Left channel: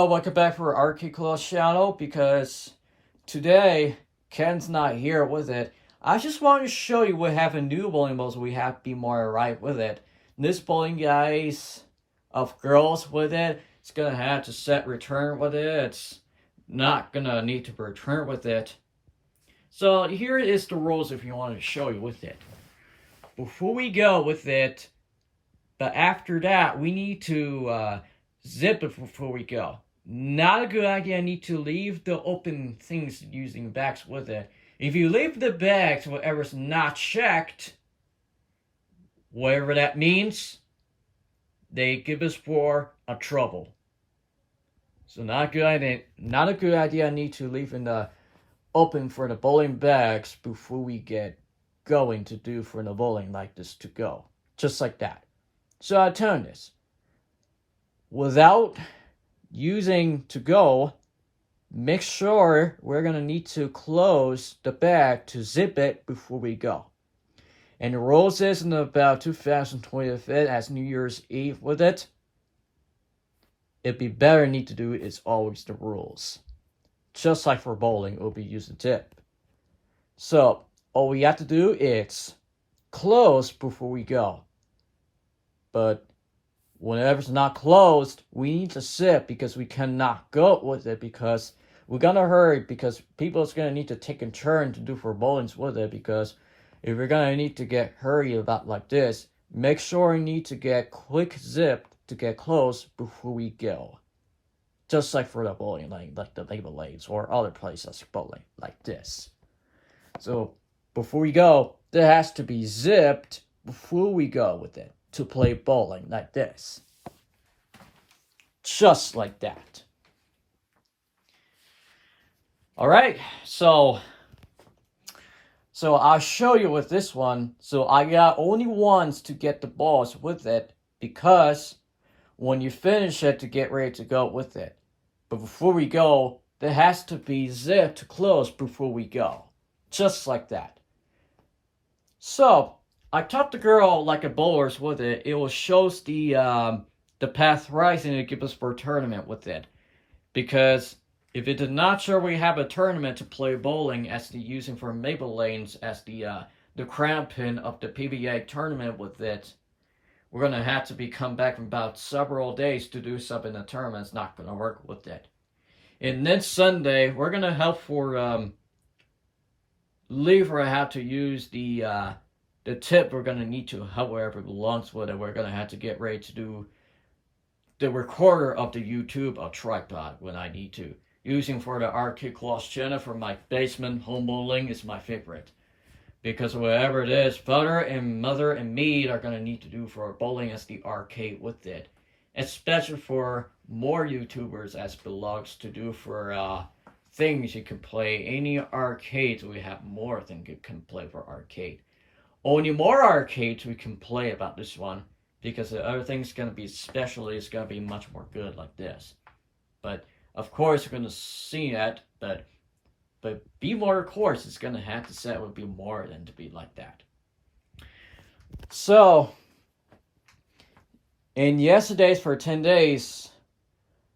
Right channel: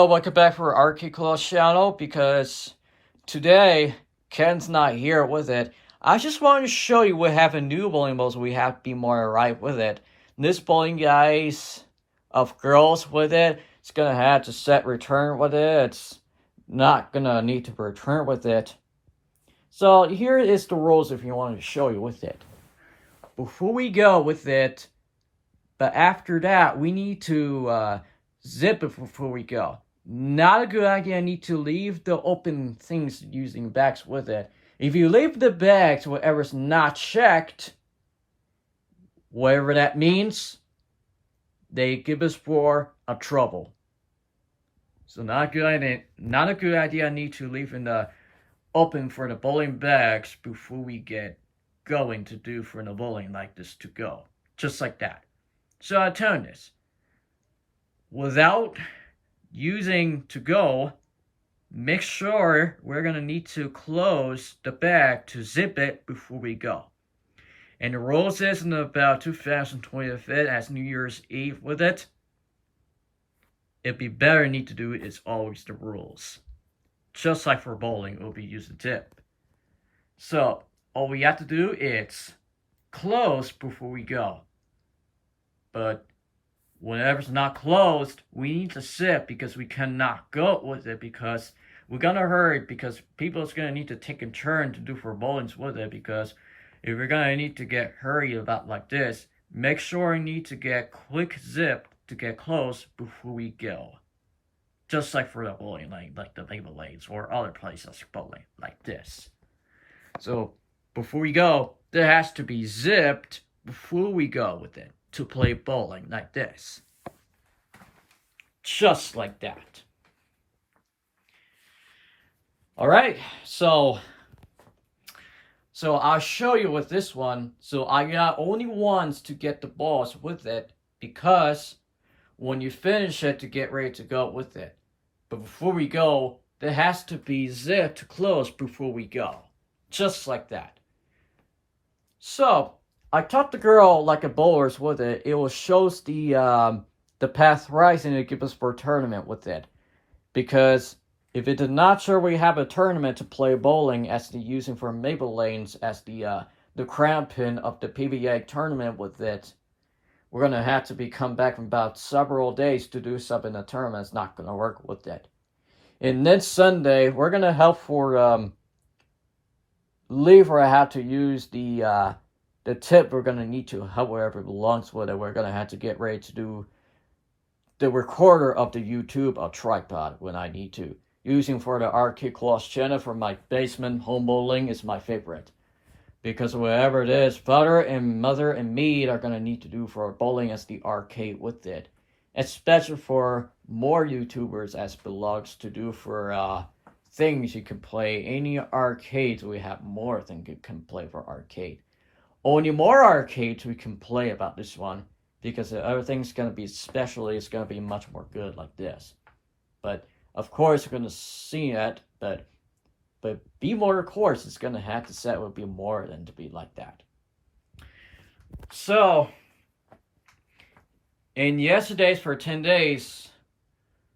Hello, welcome back for Arcade Claws channel because today Ken's not here with it. I just wanted to show you what have a new bowling balls we have to be more alright with it. This bowling guys of girls with it, it's gonna have to set return with it. It's not gonna need to return with it. So here is the rules if you want to show you with it. Before we go with it, but after that we need to zip it before we go. Not a good idea. I need to leave the open things using bags with it. If you leave the bags, whatever's not checked, whatever that means, they give us for a trouble. So not a good idea. Not a good idea. I need to leave in the open for the bowling bags before we get going to do for the bowling like this to go. Just like that. So I turn this. Without using to go, make sure we're going to need to close the bag to zip it before we go. And the rules is in about 2025 as New Year's Eve with it. It'd be better need to do it is always the rules. Just like for bowling, it will be use a tip. So all we have to do is close before we go. But whenever it's not closed, we need to zip because we cannot go with it because we're gonna hurry because people's gonna need to take a turn to do for bowlings with it because if you're gonna need to get hurry about like this, make sure you need to get quick zip to get close before we go. Just like for the bowling lane, like the label lanes or other places bowling like this. So before we go, there has to be zipped before we go with it. To play bowling like this. Just like that. Alright, so I'll show you with this one. So I got only ones to get the balls with it because when you finish it to get ready to go with it. But before we go, there has to be zip to close before we go. Just like that. So I taught the girl like a bowlers with it. It will shows the path rising to give us for a tournament with it. Because if it did not show we have a tournament to play bowling as the using for Maple Lanes as the crown pin of the PBA tournament with it, we're gonna have to come back in about several days to do something in the tournament. It's not gonna work with it. And then Sunday we're gonna help for Lever how to use the tip we're going to need to, however it belongs with it, we're going to have to get ready to do the recorder of the YouTube or tripod when I need to. Using for the Arcade Claws channel for my basement home bowling is my favorite. Because whatever it is, father and mother and me are going to need to do for bowling as the arcade with it. Especially for more YouTubers as belongs to do for things you can play. Any arcades we have more things you can play for arcade. Only more arcades we can play about this one because the other thing's gonna be especially it's gonna be much more good like this. But of course we're gonna see that, but be more of course it's gonna have to set would be more than to be like that. So in yesterday's for 10 days,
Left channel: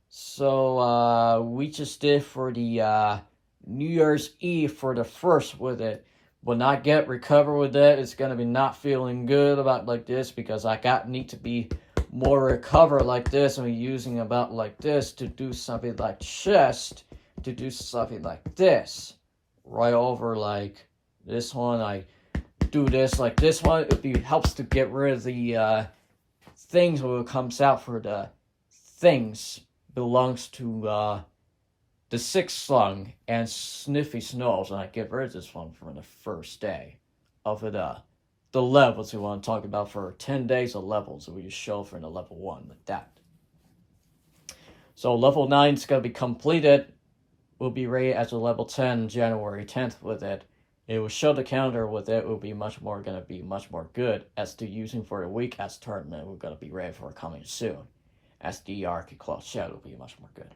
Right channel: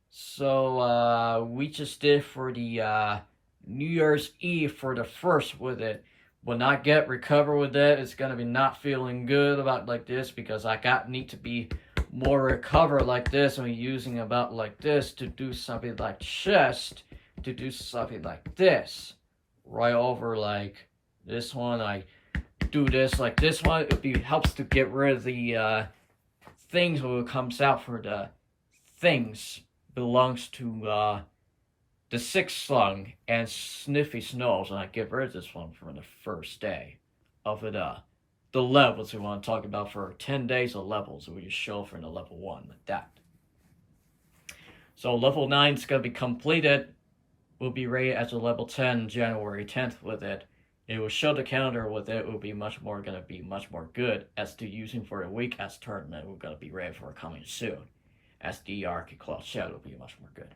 so we just did for the New Year's Eve for the first with it. Will not get recover with that. It's gonna be not feeling good about like this because I need to be more recover like this and using about like this to do something like chest to do something like this. Right over like this one. I do this like this one. It helps to get rid of the things when it comes out for the things belongs to the sixth slung and Sniffy Snows, and I get rid of this one from the first day of it. The levels we want to talk about for 10 days of levels that we just show for the level 1 like that. So level 9 is going to be completed. We'll be ready as a level 10 January 10th with it. It will show the calendar with it. It will be much more going to be much more good as to using for the week as tournament. We're going to be ready for coming soon. As the Arcade Claws Shadow will be much more good.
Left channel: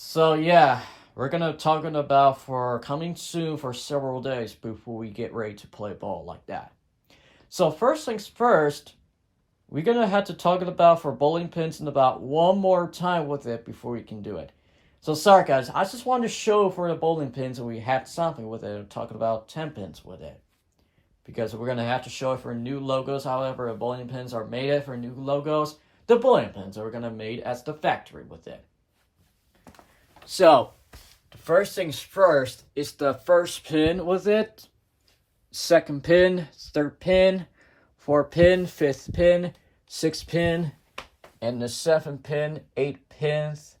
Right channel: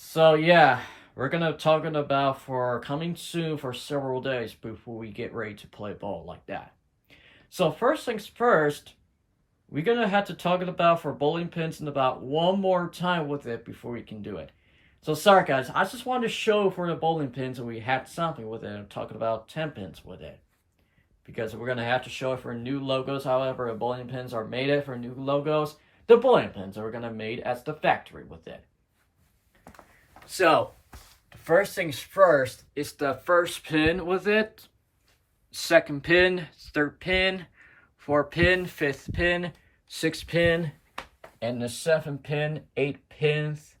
So yeah, we're gonna talking about for coming soon for several days before we get ready to play ball like that. So first things first, we're gonna have to talk about for bowling pins in about one more time with it before we can do it. So sorry guys, I just wanted to show for the bowling pins and we had something with it. I'm talking about 10 pins with it. Because we're gonna have to show it for new logos, however the bowling pins are made it for new logos. The bowling pins are gonna made as the factory with it. So the first things first is the first pin with it, second pin, third pin, fourth pin, fifth pin, sixth pin, and the seventh pin, 8 pins,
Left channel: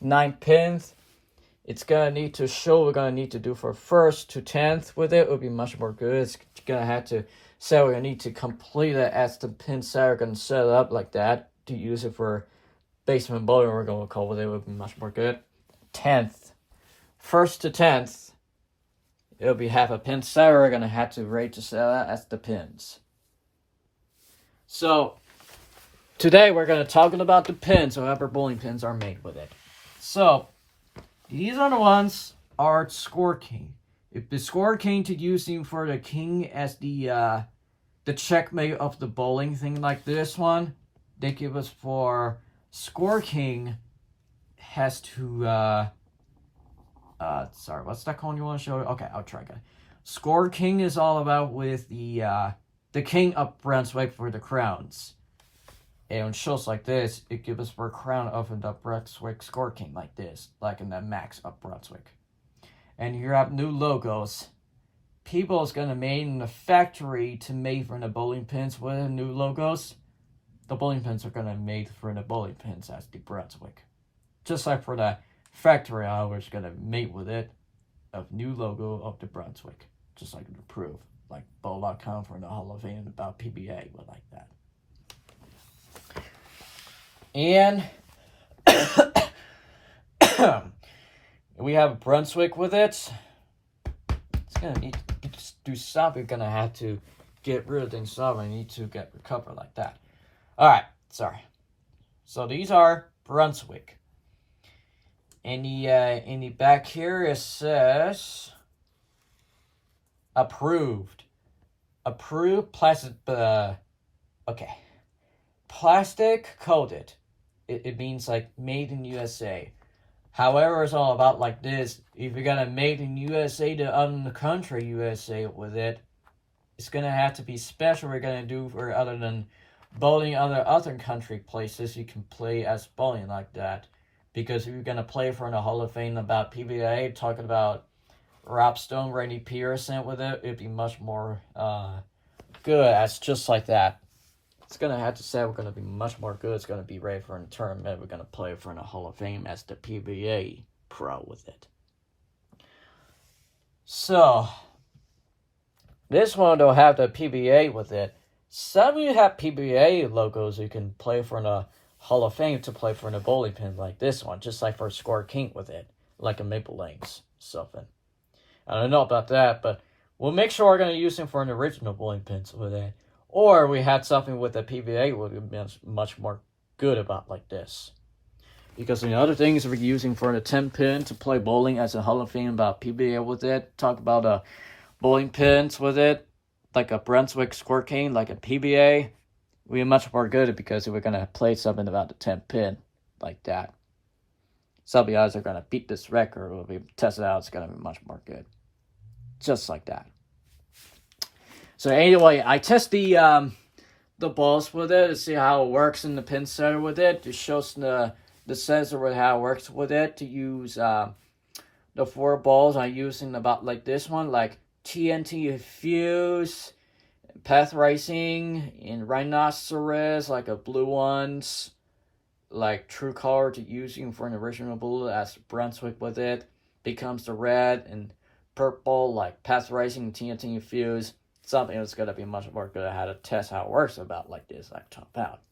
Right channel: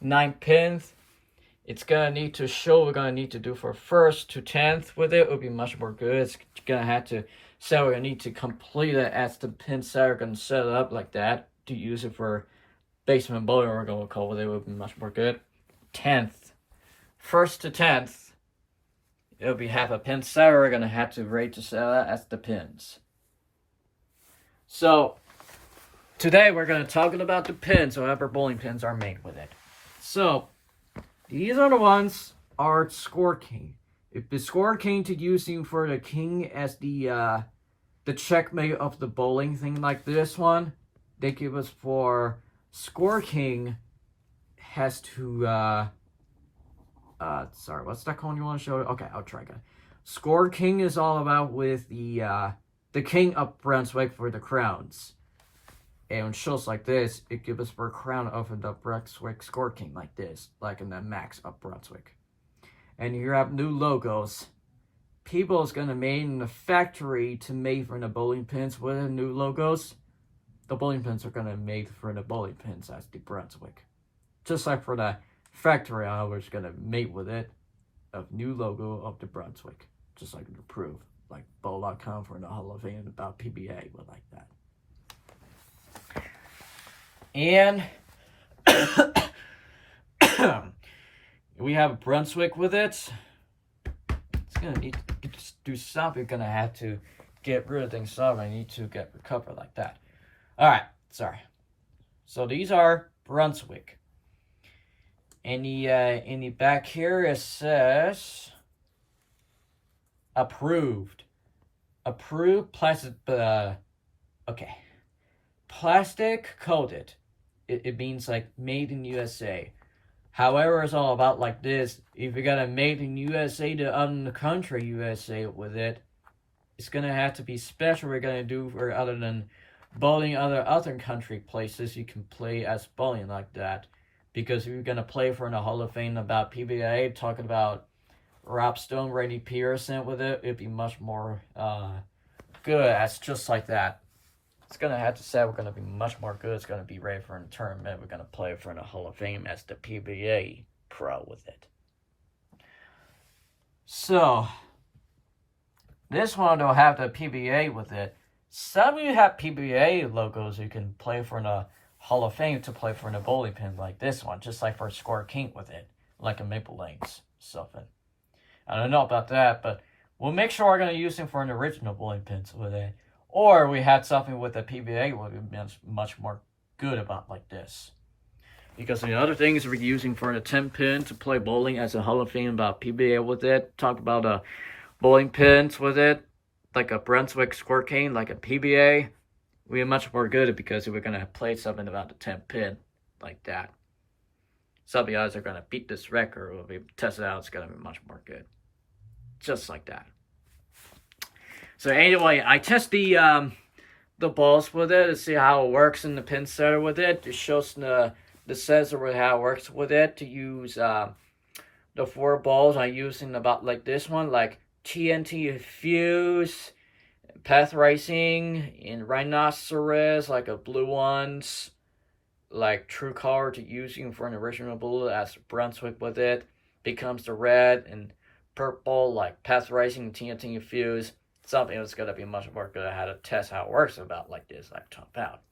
9 pins. It's gonna need to show we're gonna need to do for first to 10th with it. It would be much more good. It's gonna have to say we're gonna need to complete it as the pin set. We're gonna set it up like that to use it for basement bowling. We're gonna call it. It would be much more good. 10th, first to 10th, it'll be half a pin set. We're gonna have to rate to set that as the pins. So today we're gonna talk about the pins, however bowling pins are made with it. So these are the ones are Score King. If the Score King to using for the king as the checkmate of the bowling thing like this one, they give us for Score King has to sorry, what's that cone you want to show? Okay, I'll try again. Score King is all about with the king of Brunswick for the crowns. And on shows like this, it gives us for a crown of the Brunswick Score King like this, like in the Max of Brunswick. And you have new logos. People is gonna make in the factory to make for the bowling pins with the new logos. The bowling pins are gonna make for the bowling pins as the Brunswick. Just like for the factory, I was gonna make with it a new logo of the Brunswick. Just like to prove, like Bowl.com for the Hall of Fame about PBA, but like that. And we have Brunswick with it. It's gonna need to do something. We're gonna have to get rid of things. So I need to get recovered like that. All right, sorry. So these are Brunswick. In the back here it says approved. Approved plastic. Okay, plastic coated. It means like made in USA. However, it's all about like this. If you're gonna made in USA to other country USA with it, it's gonna have to be special. We're gonna do for other than bowling other country places. You can play as bowling like that, because if you're gonna play for the Hall of Fame about PBA, talking about Rob Stone, Randy Pearson with it, it'd be much more good as just like that. It's gonna have to say we're gonna be much more good. It's gonna be ready for a tournament. We're gonna play for the Hall of Fame as the PBA pro with it. So this one don't have the PBA with it. Some of you have PBA logos you can play for the Hall of Fame to play for the bowling pin like this one, just like for Score King with it, like a Maple Lanes something. I don't know about that, but we'll make sure we're gonna use them for an original bowling pins with it. Or we had something with the PBA would be much more good about like this. Because the other things we're using for the 10 pin to play bowling as a Hall of Fame about PBA with it. Talk about bowling pins with it. Like a Brunswick Score King, like a PBA. We're much more good because we're going to play something about the 10 pin like that. Some of you guys are going to beat this record. When we test it out, it's going to be much more good. Just like that. So anyway, I test the balls with it to see how it works in the pin setter with it. It shows the sensor with how it works with it. To use the 4 balls, I'm using about like this one, like TNT Fuse, Path Racing, and Rhinoceros, like a blue ones, like True Color to using for an original bullet as Brunswick with it. Becomes the red and purple, like Path Racing, TNT Fuse. Something that's going to be much more good at how to test how it works about like this, like top out.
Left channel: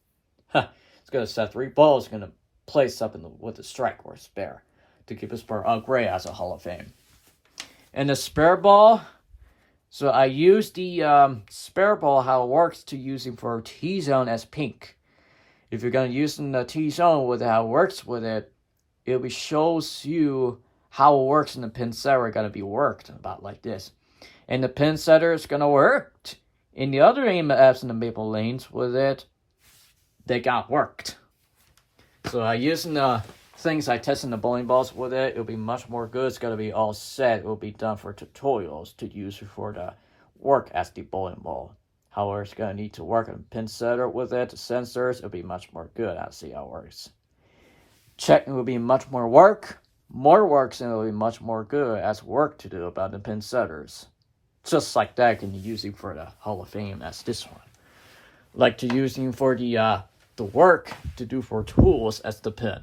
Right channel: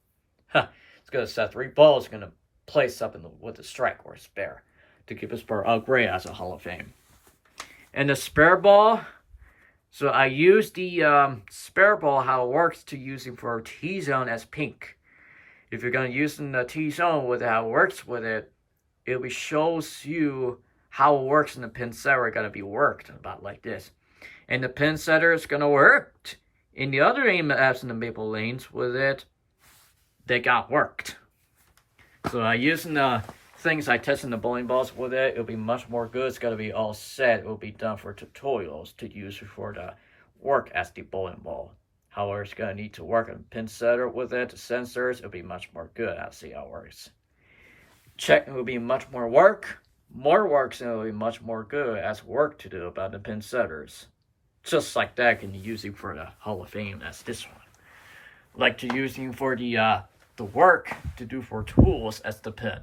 It's going to set 3 balls, going to place up with a strike or a spare to keep a spare upgrade as a Hall of Fame. And the spare ball, so I use the spare ball, how it works to using for T-zone as pink. If you're going to use the T-zone with how it works with it, it shows you how it works in the pin setter going to be worked about like this. And the pin setter is going to work in the other aim apps in the Maple Lanes with it. they got worked. So using the things I tested the bowling balls with it, it'll be much more good. It's gonna be all set. It will be done for tutorials to use for the work as the bowling ball. However, it's gonna need to work on pin setter with it, the sensors. It'll be much more good. I'll see how it works. Checking will be much more work. More works, and it'll be much more good as work to do about the pin setters. Just like that, can you use it for the Hall of Fame as this one. Like to using for the work to do for tools as the pin.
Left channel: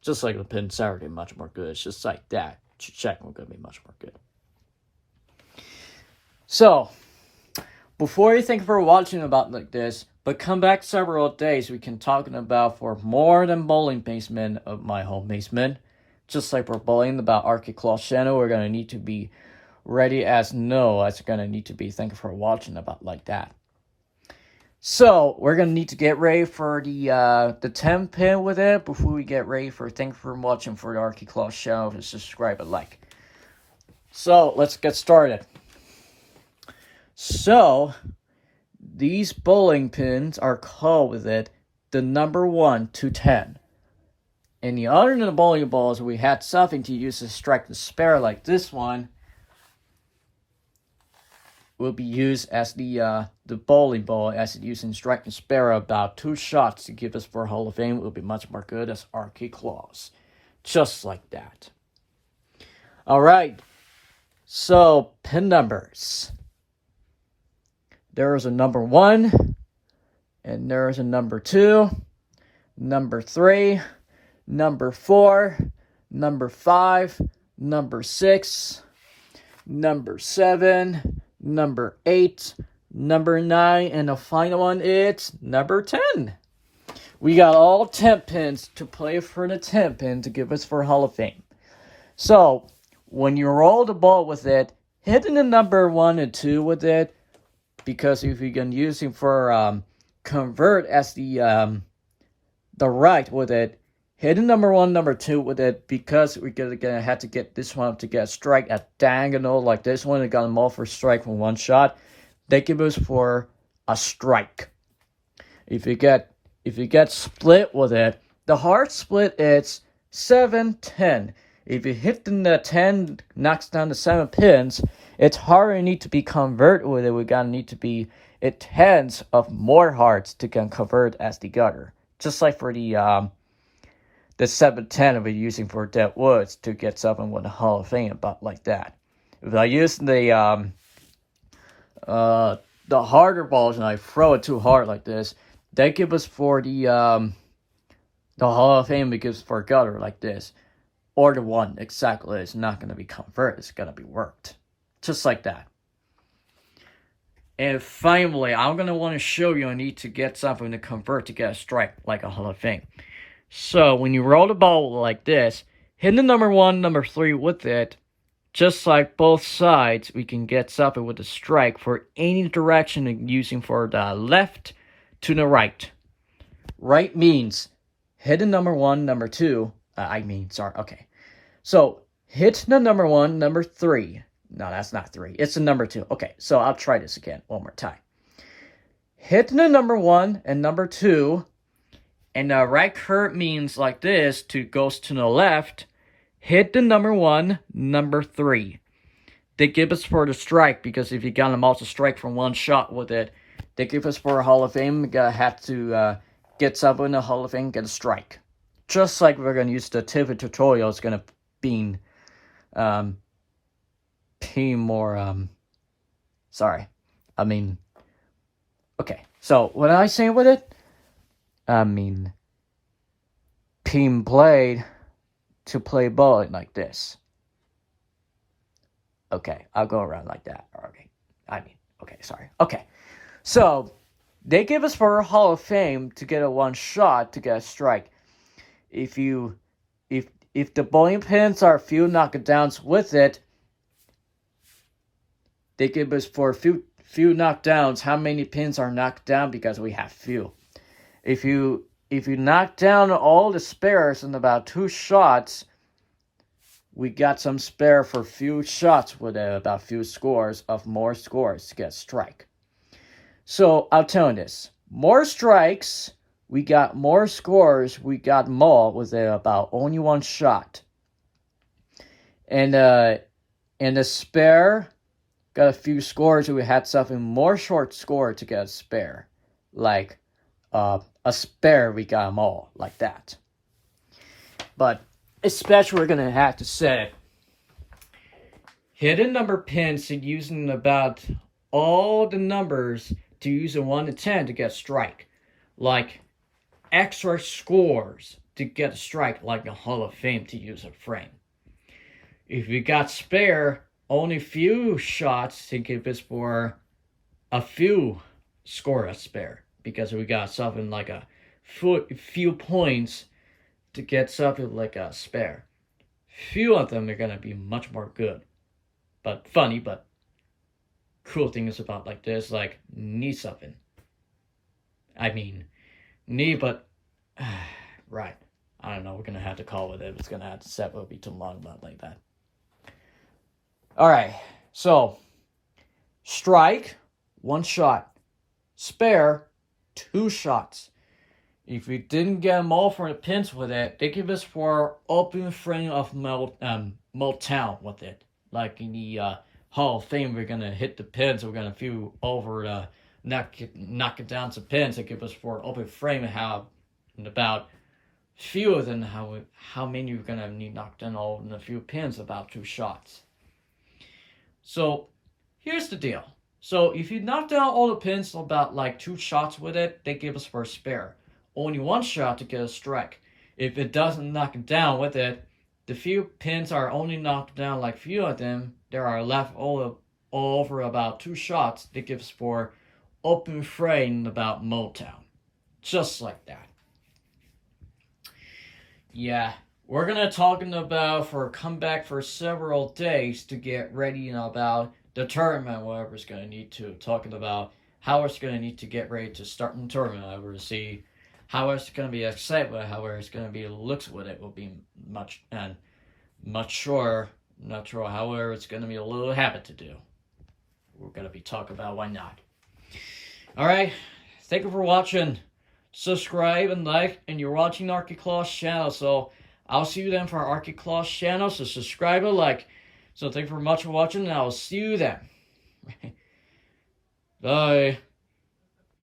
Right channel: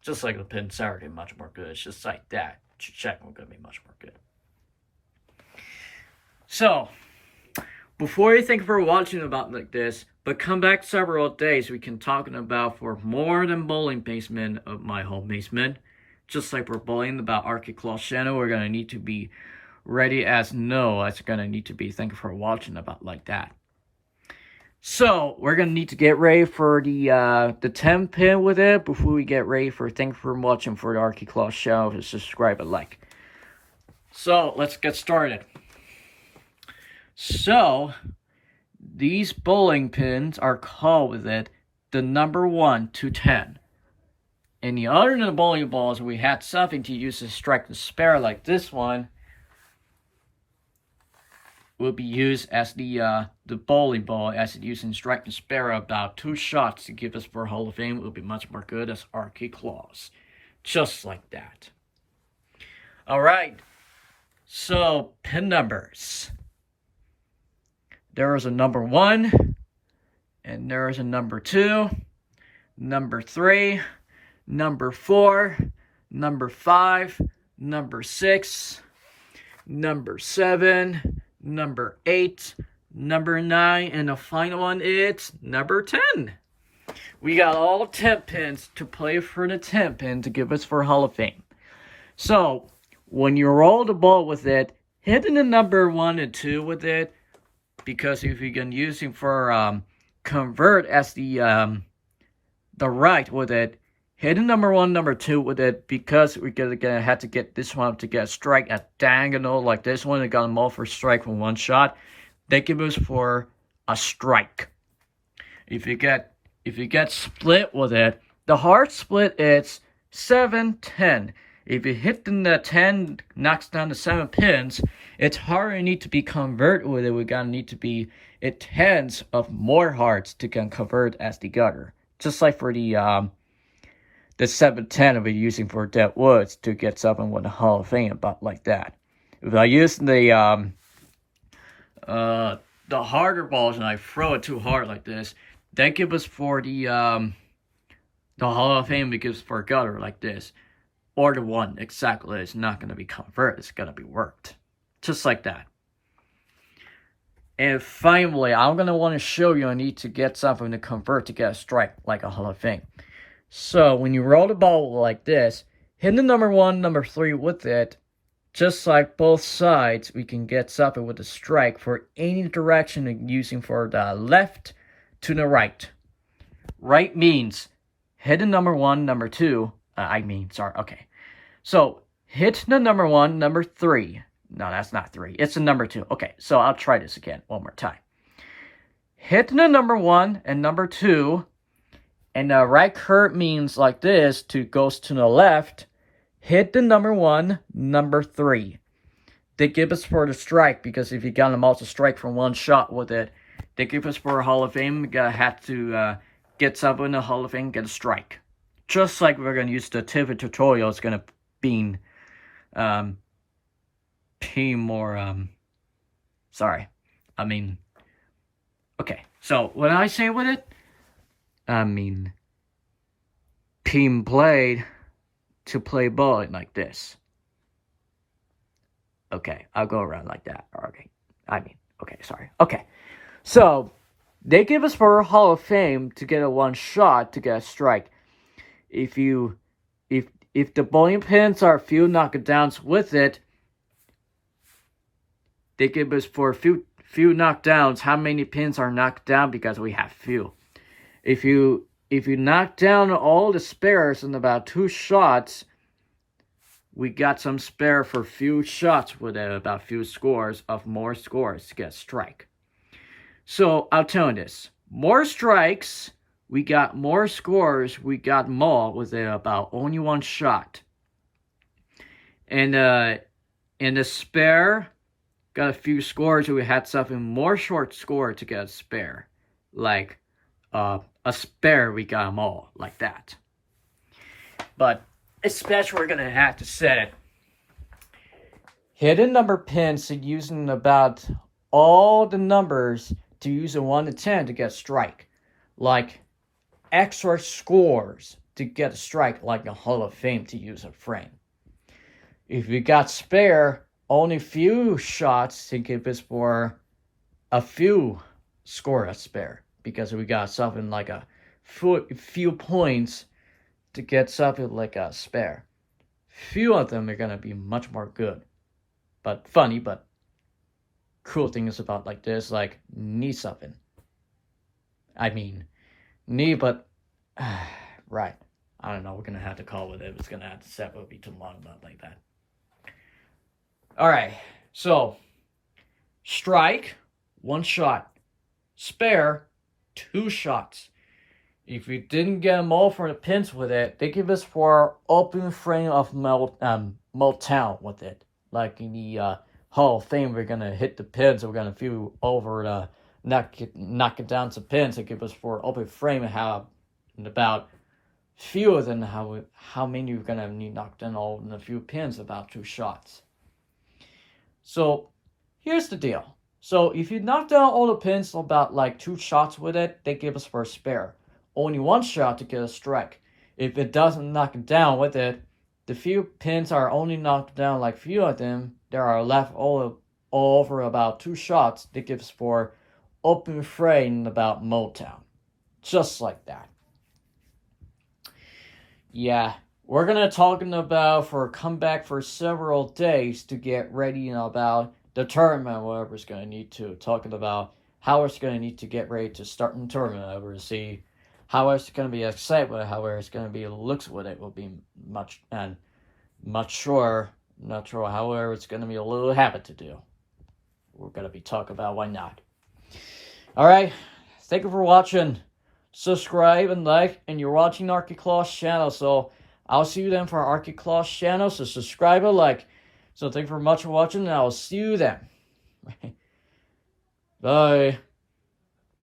Just like the pin setter, much more good. It's just like that. Checking will gonna be much more good. So, before you think for watching about like this, but come back several days, we can talk about for more than bowling basement of my home basement. Just like we're bowling about Arctic Claw channel, we're gonna need to be ready as no. It's gonna need to be thank you for watching about like that. So we're gonna need to get ready for the 10 pin with it before we get ready for thank you for watching for the Arctic Claw channel. To subscribe and like. So let's get started. So these bowling pins are called with it the number 1 to 10. And the other than the bowling balls, we had something to use to strike the spare like this one. Will be used as the bowling ball as it used in strike the spare about 2 shots to give us for Hall of Fame. It will be much more good as Arctic Claws. Just like that. Alright. So pin numbers. There is a number 1. And there is a number 2. Number 3. Number 4, number 5, number 6, number 7, number 8, number 9, and the final one is number 10. We got all 10 pins to play for the 10 pin to give us for Hall of Fame. So, when you roll the ball with it, hitting the number 1 and 2 with it, because if you can use it for convert as the right with it, hitting number 1, number 2 with it, because we're gonna have to get this one to get a strike at diagonal like this one. It got them all for strike from 1 shot. They give us for a strike. If you get split with it, the hard split is 7-10. If you hit the 10 knocks down the 7 pins, it's harder need to be convert with it. We gotta need to be it tens of more hearts to can convert as the gutter. Just like for the 710 we're using for Dead Woods to get something with the Hall of Fame, about like that. If I use the harder balls and I throw it too hard like this, they give us for the Hall of Fame because for gutter like this. Or the 1 exactly, it's not gonna be converted, it's gonna be worked. Just like that. And finally, I'm gonna want to show you I need to get something to convert to get a strike like a Hall of Fame. So, when you roll the ball like this, hit the number 1, number 3 with it, just like both sides, we can get something with a strike for any direction using for the left to the right. Right means hit the number 1, number 2, okay. So, hit the number 1, number 3. No, that's not 3. It's the number 2. Okay, so I'll try this again one more time. Hit the number 1 and number 2. And the right curve means like this, goes to the left. Hit the number 1, number 3. They give us for the strike, because if you got them all to strike from 1 shot with it, they give us for a Hall of Fame. You gotta have to get something in the Hall of Fame, get a strike. Just like we're gonna use the Tiffin tutorial, it's gonna be more okay. So what I say with it? Pin blade to play ball like this. Okay, I'll go around like that. Okay. So, they give us for a Hall of Fame to get a 1 shot to get a strike. If the bowling pins are few knockdowns with it, they give us for few knockdowns how many pins are knocked down, because we have few. If you knock down all the spares in about 2 shots, we got some spare for few shots with it, about few scores of more scores to get strike. So I'll tell you this: more strikes we got more scores. We got more with about only one shot. And the spare got a few scores. We had something more short score to get a spare. Like a spare, we got them all like that. But especially we're going to have to set it. Hidden number pins using about all the numbers to use a 1 to 10 to get a strike. Like extra scores to get a strike, like a Hall of Fame to use a frame. If we got spare, only few shots to give us for a few score a spare. Because we got something like a few points to get something like a spare. Few of them are going to be much more good. But funny, but cool things about like this, like need something. I mean, need, but right. I don't know. We're gonna have to call with it. It's gonna have to set. Will be too long about like that. All right. So strike, 1 shot. Spare, 2 shots. If we didn't get them all for the pins with it, they give us for open frame of Motown with it. Like in the Hall of Fame, we're gonna hit the pins. We're gonna feel over the knock it down to pins. It gives us for open frame and how about fewer than how many we're gonna need knocked down all in a few pins. About 2 shots. So here's the deal. So if you knock down all the pins about like 2 shots with it, they give us for a spare. Only 1 shot to get a strike. If it doesn't knock it down with it, the few pins are only knocked down like few of them. There are left all over about 2 shots. That gives for open frame about Motown. Just like that. Yeah, we're gonna talking about for a comeback for several days to get ready about the tournament. Whatever's gonna need to talking about how it's gonna need to get ready to start in the tournament. Over to see how it's gonna be excited with, how it's gonna be looks with it will be much sure. Not sure. However, it's gonna be a little habit to do. We're gonna be talking about why not. All right, thank you for watching. Subscribe and like, and you're watching ArchyClaws channel, so I'll see you then for our ArchyClaws channel, so subscribe and like. So thank you very much for watching, and I'll see you then. Bye.